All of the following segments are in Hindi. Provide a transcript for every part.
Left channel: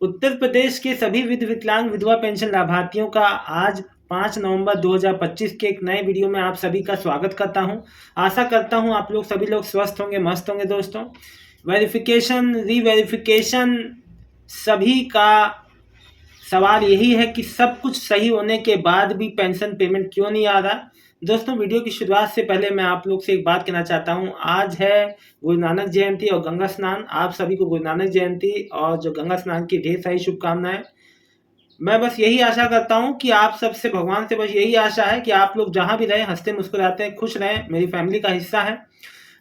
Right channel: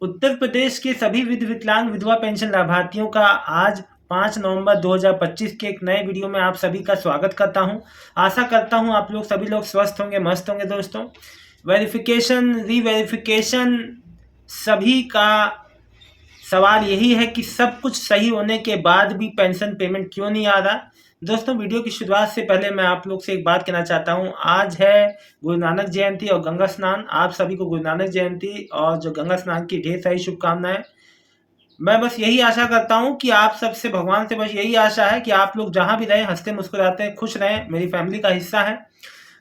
उत्तर प्रदेश के सभी विकलांग विधवा पेंशन लाभार्थियों का आज 5 नवंबर 2025 के एक नए वीडियो में आप सभी का स्वागत करता हूं। आशा करता हूं आप लोग सभी लोग स्वस्थ होंगे, मस्त होंगे। दोस्तों, वेरिफिकेशन रीवेरिफिकेशन सभी का सवाल यही है कि सब कुछ सही होने के बाद भी पेंशन पेमेंट क्यों नहीं आ रहा। दोस्तों, वीडियो की शुरुआत से पहले मैं आप लोग से एक बात कहना चाहता हूं। आज है गुरु नानक जयंती और गंगा स्नान। आप सभी को गुरु नानक जयंती और जो गंगा स्नान की ढेर सारी शुभकामनाएं। मैं बस यही आशा करता हूं कि आप सबसे, भगवान से बस यही आशा है कि आप लोग जहां भी रहें हंसते मुस्कुराते खुश रहें। मेरी फैमिली का हिस्सा है।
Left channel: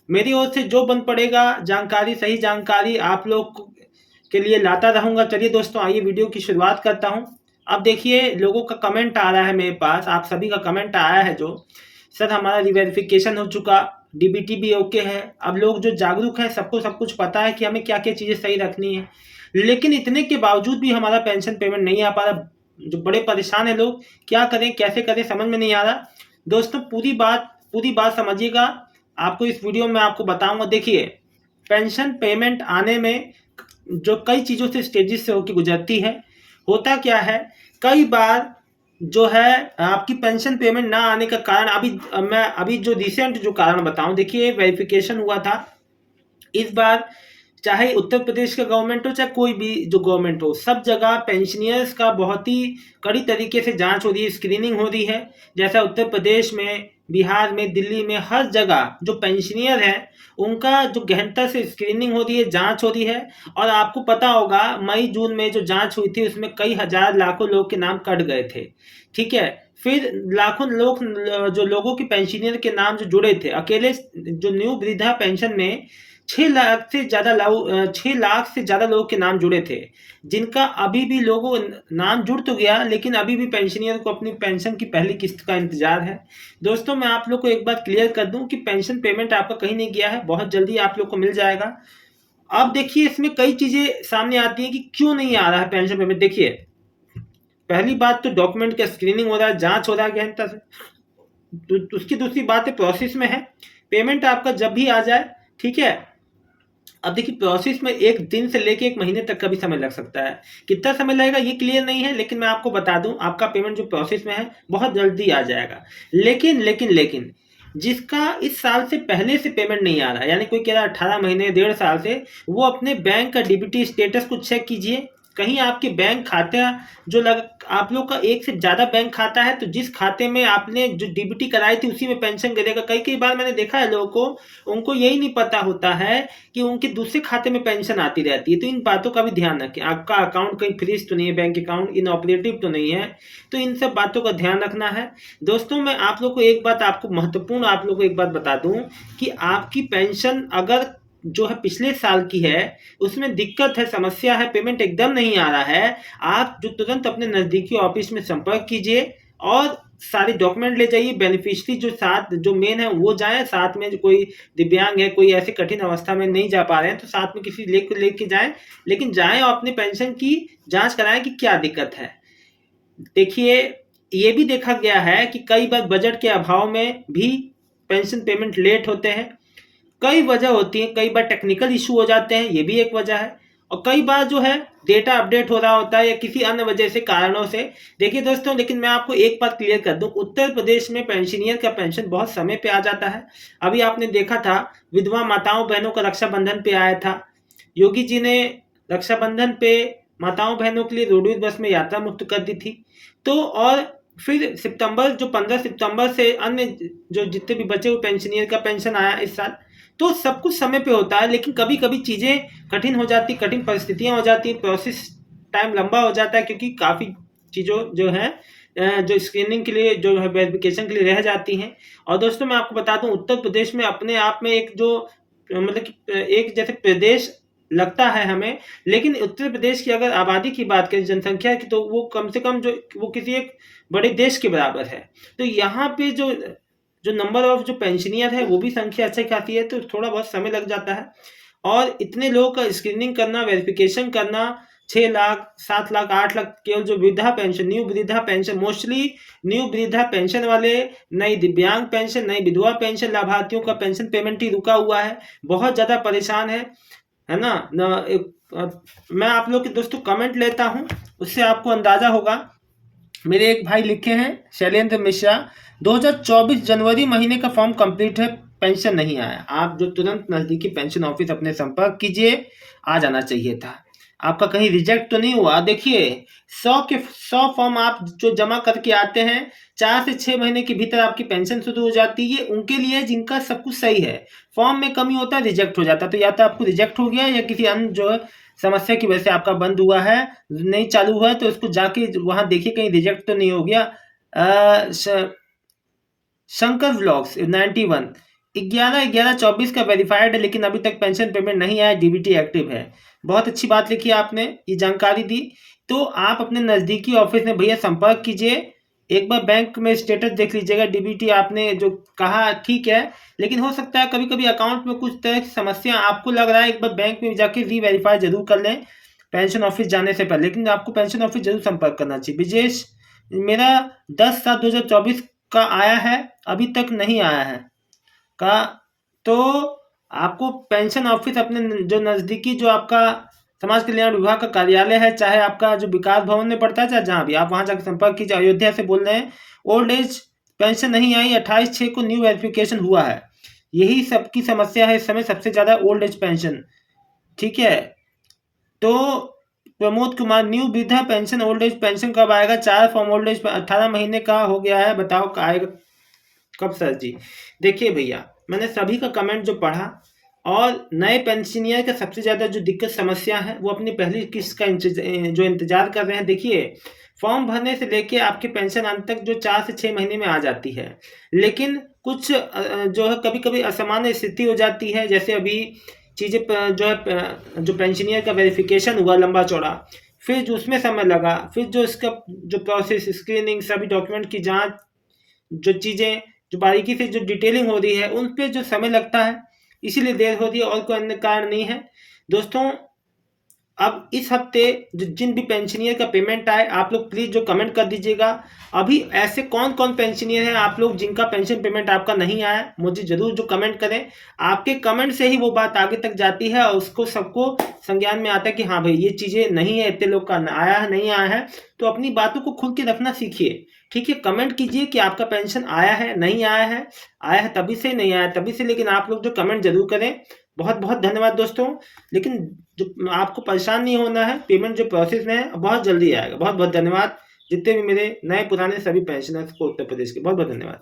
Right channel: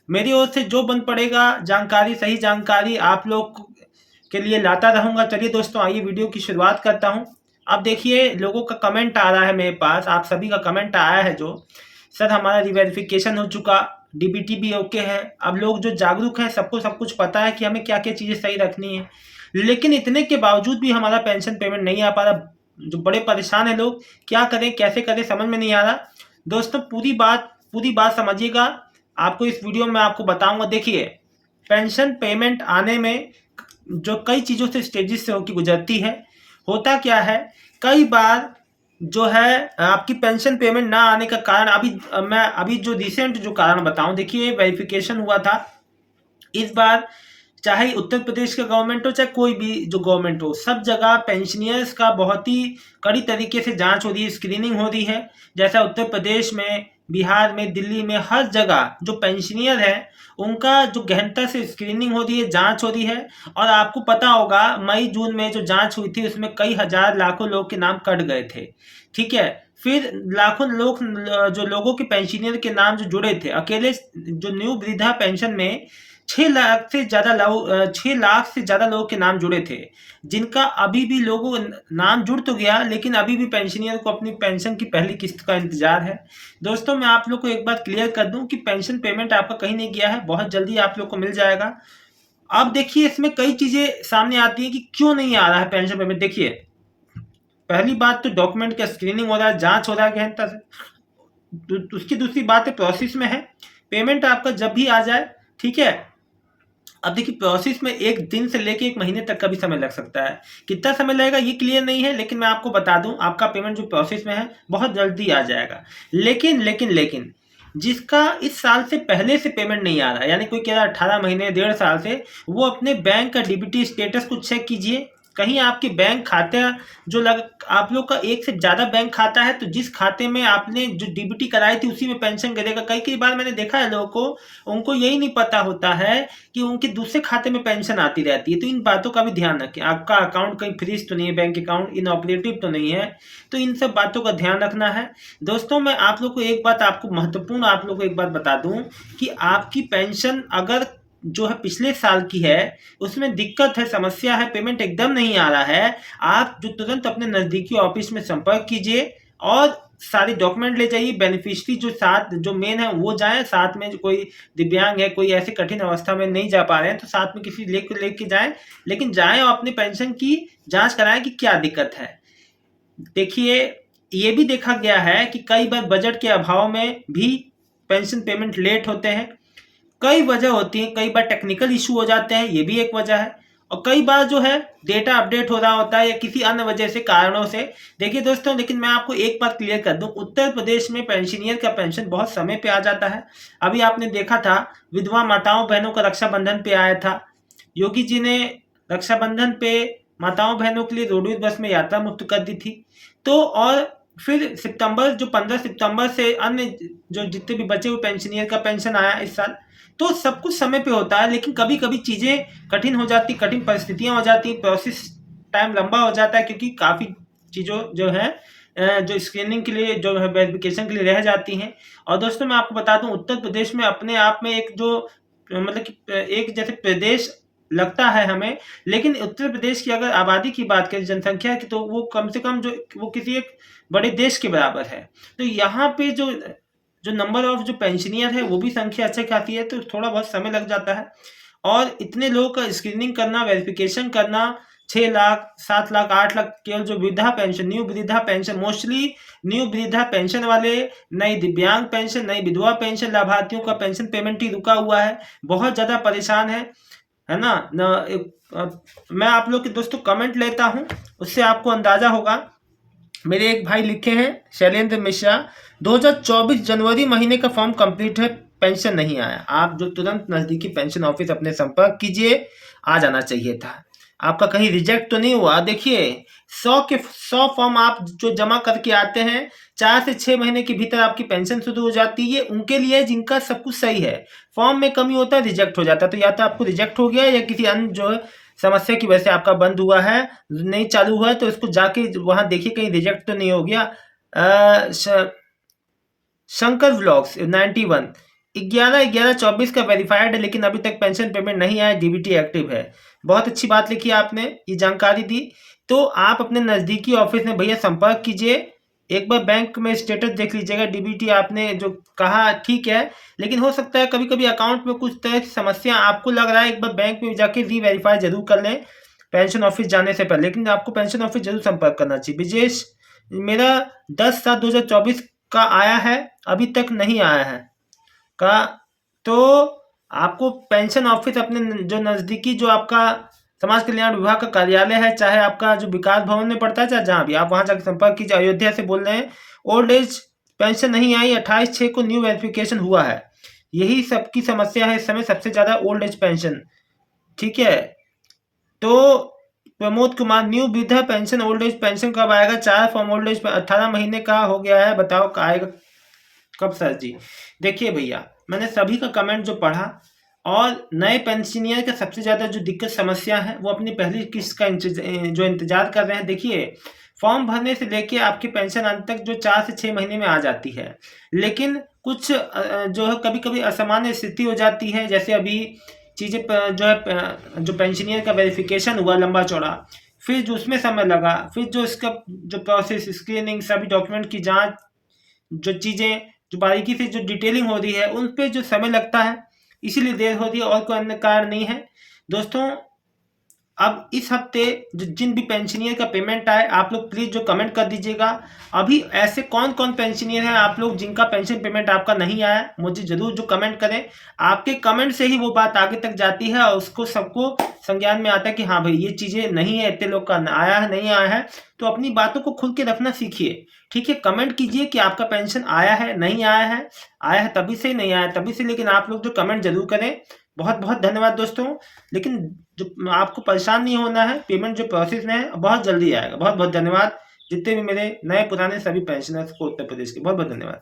मेरी ओर से जो बन पड़ेगा जानकारी, सही जानकारी आप लोग के लिए लाता रहूंगा। चलिए दोस्तों, आइए वीडियो की शुरुआत करता हूं। अब देखिए, लोगों का कमेंट आ रहा है मेरे पास, आप सभी का कमेंट आया है जो, सर हमारा रिवेरिफिकेशन हो चुका, डीबीटी भी ओके है। अब लोग जो जागरूक हैं सबको सब कुछ पता है कि हमें क्या क्या चीज़ें सही रखनी है, लेकिन इतने के बावजूद भी हमारा पेंशन पेमेंट नहीं आ पा रहा। जो बड़े परेशान है लोग, क्या करें कैसे करें समझ में नहीं आ रहा। दोस्तों, पूरी बात समझिएगा। आपको इस वीडियो में आपको बताऊंगा। देखिए, पेंशन पेमेंट आने में जो कई चीज़ों से, स्टेजेस से होकर गुजरती है। होता क्या है, कई बार जो है आपकी पेंशन पेमेंट ना आने का कारण, मैं जो रिसेंट जो कारण बताऊं। देखिए, वेरिफिकेशन हुआ था इस बार, चाहे उत्तर प्रदेश का गवर्नमेंट हो चाहे कोई भी जो गवर्नमेंट हो, सब जगह पेंशनियर्स का बहुत ही कड़ी तरीके से जांच हो रही है, स्क्रीनिंग हो रही है। जैसा उत्तर प्रदेश में, बिहार में, दिल्ली में, हर जगह जो पेंशनियर है उनका जो गहनता से स्क्रीनिंग हो रही है, जांच हो रही है। और आपको पता होगा, मई जून में जो जांच हुई थी उसमें कई हजार लाखों लोग के नाम कट गए थे। ठीक है, फिर लाखों लोग, जो लोगों के पेंशनियर के नाम जो जुड़े थे, अकेले जो न्यू वृद्धा पेंशन में 6 लाख से ज़्यादा लोगों के नाम जुड़े थे, जिनका अभी भी लोगों नाम जुड़ तो गया, लेकिन अभी भी पेंशनियर को अपनी पेंशन की पहली किस्त का इंतजार है। दोस्तों, मैं आप लोग को एक बात क्लियर कर दूं कि पेंशन पेमेंट आपका कहीं नहीं गया है, बहुत जल्दी आप लोग को मिल जाएगा। अब देखिए, इसमें कई चीज़ें सामने आती हैं कि क्यों नहीं आ रहा है पेंशन पेमेंट। देखिए, पहली बात तो डॉक्यूमेंट का स्क्रीनिंग हो रहा है, जांच हो रहा है गहनता से। उसकी दूसरी बात है, प्रोसेस में है पेमेंट आपका जब भी आ जाए। ठीक है, अब देखिए, प्रोसेस में 1 दिन से लेके 1 महीने तक का भी समय लग सकता है। कितना समय लगेगा ये क्लियर नहीं है, लेकिन मैं आपको बता दूं, आपका पेमेंट जो प्रोसेस में है बहुत जल्दी आ जाएगा। लेकिन जिसका इस साल से पहले से पेमेंट नहीं आ रहा, यानी कोई कह रहा है 18 महीने 1.5 साल से, वो अपने बैंक का डीबीटी स्टेटस को चेक कीजिए। कहीं आपकी बैंक खाता जो लग, आप लोग का एक से ज़्यादा बैंक खाता है, तो जिस खाते में आपने जो डीबीटी कराई थी उसी में पेंशन गिरेगा। कई कई बार मैंने देखा है लोगों को, उनको यही नहीं पता होता है कि उनके दूसरे खाते में पेंशन आती रहती है। तो इन बातों का भी ध्यान रखें। आपका अकाउंट कहीं फ्रीज तो नहीं है, बैंक अकाउंट इनऑपरेटिव तो नहीं है, तो इन सब बातों का ध्यान रखना है। दोस्तों, मैं आप लोग को एक बात, आपको महत्वपूर्ण आप लोग को एक बात बता दूं कि आपकी पेंशन अगर जो है पिछले साल की है, उसमें दिक्कत है, समस्या है, पेमेंट एकदम नहीं आ रहा है, आप जो तुरंत अपने नज़दीकी ऑफिस में संपर्क कीजिए और सारे डॉक्यूमेंट ले जाइए। बेनिफिशियरी जो साथ जो मेन है वो जाएं, साथ में जो कोई दिव्यांग है, कोई ऐसी कठिन अवस्था में नहीं जा पा रहे हैं, तो साथ में किसी लेके जाएं। लेकिन जाएं और अपनी पेंशन की जांच कराएं कि क्या दिक्कत है। देखिए, ये भी देखा गया है कि कई बार बजट के अभाव में भी पेंशन पेमेंट लेट होते हैं। कई वजह होती हैं, कई बार टेक्निकल इशू हो जाते हैं, ये भी एक वजह है। और कई बार जो है डेटा अपडेट हो रहा होता है या किसी अन्य वजह से, कारणों से। देखिए दोस्तों, लेकिन मैं आपको एक बात क्लियर कर दूं, उत्तर प्रदेश में पेंशनियर का पेंशन बहुत समय पे आ जाता है। अभी आपने देखा था, विधवा माताओं बहनों का रक्षाबंधन पे आया था। योगी जी ने रक्षाबंधन पे माताओं बहनों के लिए रोडवेज बस में यात्रा मुफ्त कर दी थी। तो और फिर सितंबर, जो 15 सितंबर से अन्य जो जितने भी बचे हुए पेंशनियर का पेंशन आया इस साल। तो सब कुछ समय पे होता है, लेकिन कभी कभी चीज़ें कठिन हो जाती, कठिन परिस्थितियां हो जाती, प्रोसेस टाइम लंबा हो जाता है, क्योंकि काफ़ी चीज़ों जो है जो स्क्रीनिंग के लिए, जो है वेरिफिकेशन के लिए रह जाती हैं। और दोस्तों, मैं आपको बता दूं, उत्तर प्रदेश में अपने आप में एक जो, मतलब कि एक जैसे प्रदेश लगता है हमें, लेकिन उत्तर प्रदेश की अगर आबादी की बात करें, जनसंख्या की, तो वो कम से कम जो, वो किसी एक बड़े देश के बराबर है। तो यहाँ पे जो नंबर ऑफ जो पेंशनियर है वो भी संख्या अच्छा खासी है, तो थोड़ा बहुत समय लग जाता है। और इतने लोगों का स्क्रीनिंग करना, वेरिफिकेशन करना, 6 लाख 7 लाख 8 लाख, केवल जो वृद्धा पेंशन, न्यू वृद्धा पेंशन, मोस्टली न्यू वृद्धा पेंशन वाले, नई दिव्यांग पेंशन, नई विधवा पेंशन लाभार्थियों का पेंशन पेमेंट ही रुका हुआ है, बहुत ज़्यादा परेशान है। है ना मैं आप लोग के दोस्तों कमेंट लेता हूँ, उससे आपको अंदाज़ा होगा। मेरे एक भाई लिखे हैं शैलेंद्र मिश्रा, 2024 जनवरी महीने का फॉर्म कंप्लीट है, पेंशन नहीं आया। आप जो तुरंत नज़दीकी पेंशन ऑफिस अपने संपर्क कीजिए, आ जाना चाहिए था। आपका कहीं रिजेक्ट तो नहीं हुआ। देखिए 100 फॉर्म आप जो जमा करके आते हैं, 4 से 6 महीने के भीतर आपकी पेंशन शुरू हो जाती है। ये उनके लिए जिनका सब कुछ सही है, फॉर्म में कमी होता है, रिजेक्ट हो जाता है। तो या तो आपको रिजेक्ट हो गया या किसी अन्य जो है समस्या की वजह से आपका बंद हुआ है, नहीं चालू हुआ है, तो इसको जाके वहाँ देखिए कहीं रिजेक्ट तो नहीं हो गया। शंकर व्लॉग्स 91 11/11/24 का वेरीफाइड है, लेकिन अभी तक पेंशन पेमेंट नहीं आया, डीबीटी एक्टिव है। बहुत अच्छी बात लिखी आपने, ये जानकारी दी। तो आप अपने नज़दीकी ऑफिस में भैया संपर्क कीजिए, एक बार बैंक में स्टेटस देख लीजिएगा। डीबीटी आपने जो कहा ठीक है, लेकिन हो सकता है कभी कभी अकाउंट में कुछ तरह की समस्या आपको लग रहा है, एक बार बैंक में जाके री वेरीफाई जरूर कर लें पेंशन ऑफिस जाने से पहले। लेकिन आपको पेंशन ऑफिस जरूर संपर्क करना चाहिए। विजेश मेरा 10/7/2024 का आया है, अभी तक नहीं आया है का। तो आपको पेंशन ऑफिस अपने जो नज़दीकी जो आपका समाज कल्याण विभाग का कार्यालय है, चाहे आपका जो विकास भवन में पड़ता है, चाहे जहाँ भी, आप वहाँ जाकर संपर्क कीजिए। अयोध्या से बोल रहे हैं, ओल्ड एज पेंशन नहीं आई, 28/6 को न्यू वेरिफिकेशन हुआ है। यही सबकी समस्या है इस समय, सबसे ज़्यादा ओल्ड एज पेंशन। ठीक है, तो प्रमोद कुमार, न्यू वृद्धा पेंशन ओल्ड एज पेंशन कब आएगा? 4 फॉर्म ओल्ड एज 18 महीने का हो गया है, बताओ आएगा कब सर जी? देखिए भैया, मैंने सभी का कमेंट जो पढ़ा, और नए पेंशनियर का सबसे ज़्यादा जो दिक्कत समस्या है वो अपनी पहली किस्त का जो इंतजार कर रहे हैं। देखिए फॉर्म भरने से लेके आपकी पेंशन अंत तक जो 4 से 6 महीने में आ जाती है, लेकिन कुछ जो है कभी कभी असामान्य स्थिति हो जाती है। जैसे अभी चीज़ें जो है जो पेंशनियर का वेरिफिकेशन हुआ लंबा चौड़ा, फिर जो उसमें समय लगा, फिर जो इसका जो प्रोसेस स्क्रीनिंग सभी डॉक्यूमेंट की जांच, जो चीज़ें जो बारीकी से जो डिटेलिंग हो रही है, उन पे जो समय लगता है, इसीलिए देर हो रही है, और कोई अन्य कारण नहीं है दोस्तों। अब इस हफ्ते जिन भी पेंशनियर का पेमेंट आए, आप लोग प्लीज़ जो कमेंट कर दीजिएगा। अभी ऐसे कौन कौन पेंशनियर हैं आप लोग जिनका पेंशन पेमेंट आपका नहीं आया, मुझे ज़रूर जो कमेंट करें। आपके कमेंट से ही वो बात आगे तक जाती है, और उसको सबको संज्ञान में आता है कि हाँ भाई ये चीज़ें नहीं है, इतने लोग का आया है नहीं आया है। तो अपनी बातों को खुल के रखना सीखिए। ठीक है, कमेंट कीजिए कि आपका पेंशन आया है नहीं आया है, आया है तभी से, नहीं आया तभी से, लेकिन आप लोग जो कमेंट जरूर करें। बहुत बहुत धन्यवाद दोस्तों। लेकिन जो आपको परेशान नहीं होना है, पेमेंट जो प्रोसेस में है बहुत जल्दी आएगा। बहुत बहुत धन्यवाद जितने भी मेरे नए पुराने सभी पेंशनर्स को उत्तर प्रदेश के, बहुत बहुत धन्यवाद।